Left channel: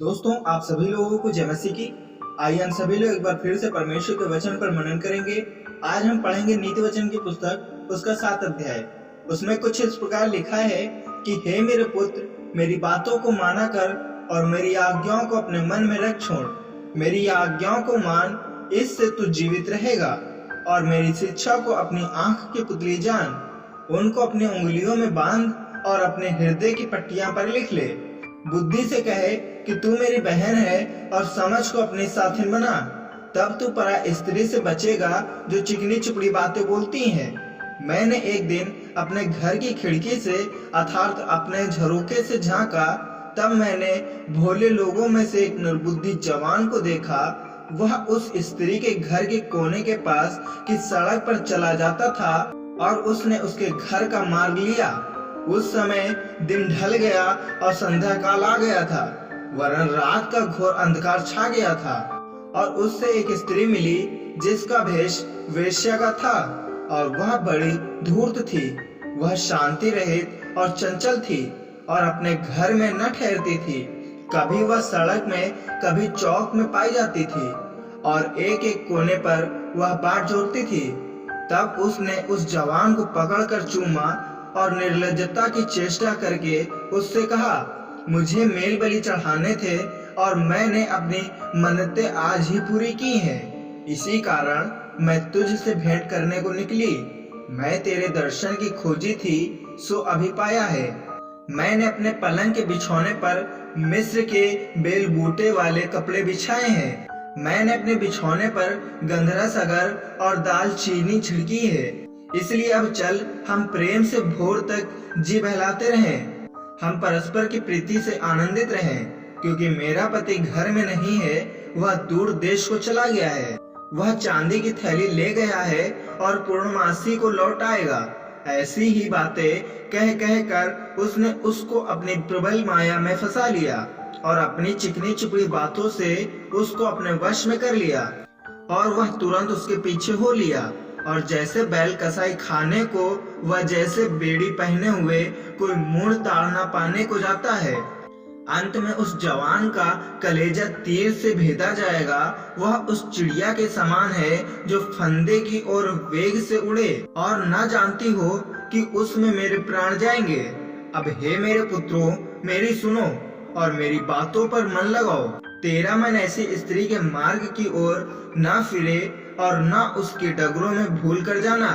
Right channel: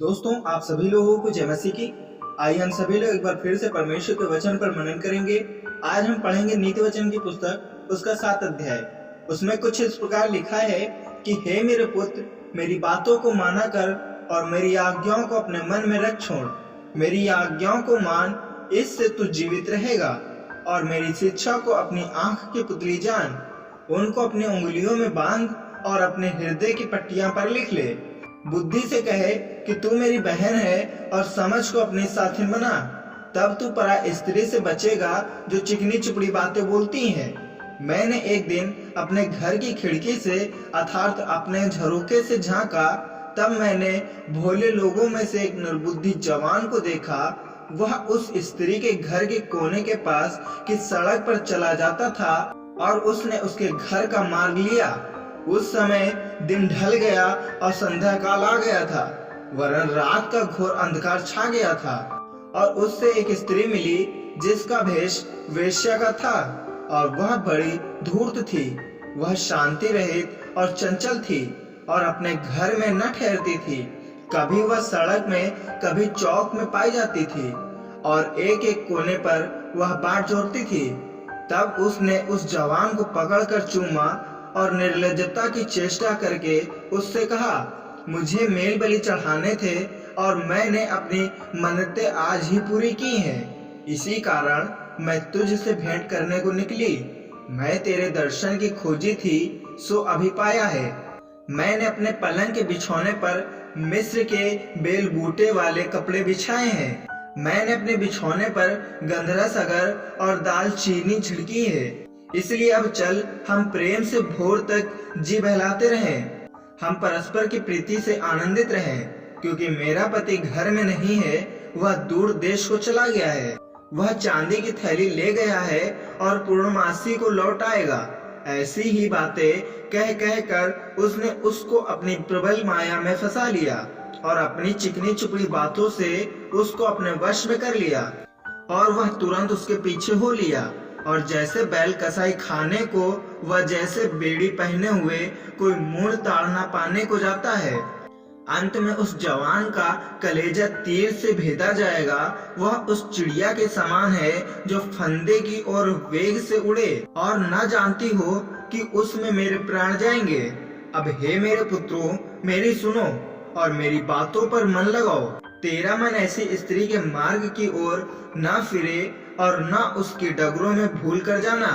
दोस्तों, आप सभी लोगों को जय मसीह की। आइए हम सभी लोग एक बार फिर से परमेश्वर के वचन पर मनन करेंगे। आज हम पढ़ेंगे नीति वचन की पुस्तक, उसका 7 अध्याय। उसमें कुछ इस प्रकार लिखा है कि हे मेरे पुत्र, मेरी बातों को माना कर और मेरी आज्ञाओं को अपने मन में रख छोड़। मेरी आज्ञाओं को मान, इससे तू जीवित रहेगा, और मेरी शिक्षा को अपनी आंख की पुतली जान। उनको अपनी उंगलियों में बांध और अपने हृदय की पट्टियां पर लिख ले। बुद्धि से कहे कि तू मेरी बहन है, और समझ को अपनी साथिन बना। तब तू परा स्त्री से बचेगा जो चिकनी चुपड़ी बातें बोलती हैं। मैंने एक दिन अपने घर की खिड़की से अर्थात अपने झरोखे से झांका, तब मैंने भोले लोगों में से एक निर्बुद्धि जवान को देखा। वह उस स्त्री के घर के कोने के पास की सड़क पर चला जाता था, और उसने उसके घर का मार्ग लिया। उस समय दिन ढल गया और संध्या काल आ गया था, वरन रात का घोर अंधकार छा गया था। और उससे एक स्त्री मिली जिसका भेष वेश्या का था, और वह बड़ी धूर्त थी। वह शांति रहित और चंचल थी, और अपने घर में न ठहरती थी। कभी वह सड़क में, कभी चौक में पाई जाती थी, और एक एक कोने पर वह बाट जोड़ती थी। तब उसने उस जवान को पकड़कर चूमा, और निर्लज्जता की चेष्टा करके उससे कहा, मुझे मेल बलि चढ़ाने थे, और मैंने अपनी मन्नतें आज ही पूरी की हैं। इसी कारण मैं तुझसे भेंट करने को निकली। मैं तेरे दर्शन की खोजी थी, सो अभी पाया है। मैंने अपने पलंग के बिछौने पर मिस्र के बेल बूटे वाले कपड़े बिछाए हैं। मैंने अपने बिछौने पर गंधरस अगर और दालचीनी छिड़की है। इसलिए अब चल, हम प्रेम से भोर तक जी बहलाते रहें। हम परस्पर की प्रीति से आनंदित रहें, क्योंकि मेरा पति घर में नहीं है, वह दूर देश को चला गया है। वह चांदी की थैली ले गया है और पूर्णमासी को लौट आएगा। ऐसी ही बातें कह कह कर उसने उसको अपनी प्रबल माया में फंसा लिया, और अपनी चिकनी चुपड़ी बातों से उसको अपने वश में कर लिया। और वह तुरंत उसके पीछे हो लिया, और जैसे बैल कसाई खाने को, वह जैसे बेड़ी पहने हुए कोई मूढ़ ताड़ न पाने को जाता है। अंत में उस जवान का कलेजा तीर से भेदा जाएगा। वह उस चिड़िया के समान है जो फंदे की ओर वेग से उड़े, और न जानती हो कि उसमें मेरे प्राण जाएंगे। अब हे मेरे पुत्रों, मेरी सुनो और मेरी बातों पर मन लगाओ। तेरा मन ऐसी स्त्री के मार्ग की ओर न फिरे, और न उसकी डगरों में भूल कर जाना,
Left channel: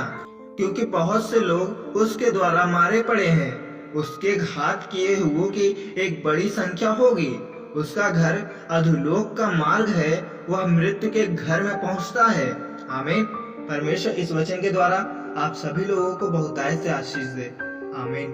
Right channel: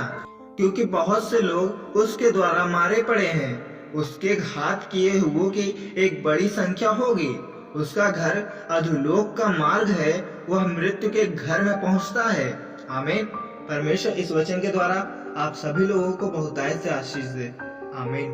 क्योंकि बहुत से लोग उसके द्वारा मारे पड़े हैं। उसके घात किए हुओं की एक बड़ी संख्या होगी। उसका घर अधोलोक का मार्ग है, वह मृत्यु के घर में पहुंचता है। आमीन। परमेश्वर इस वचन के द्वारा आप सभी लोगों को बहुतायत से आशीष दे। आमीन।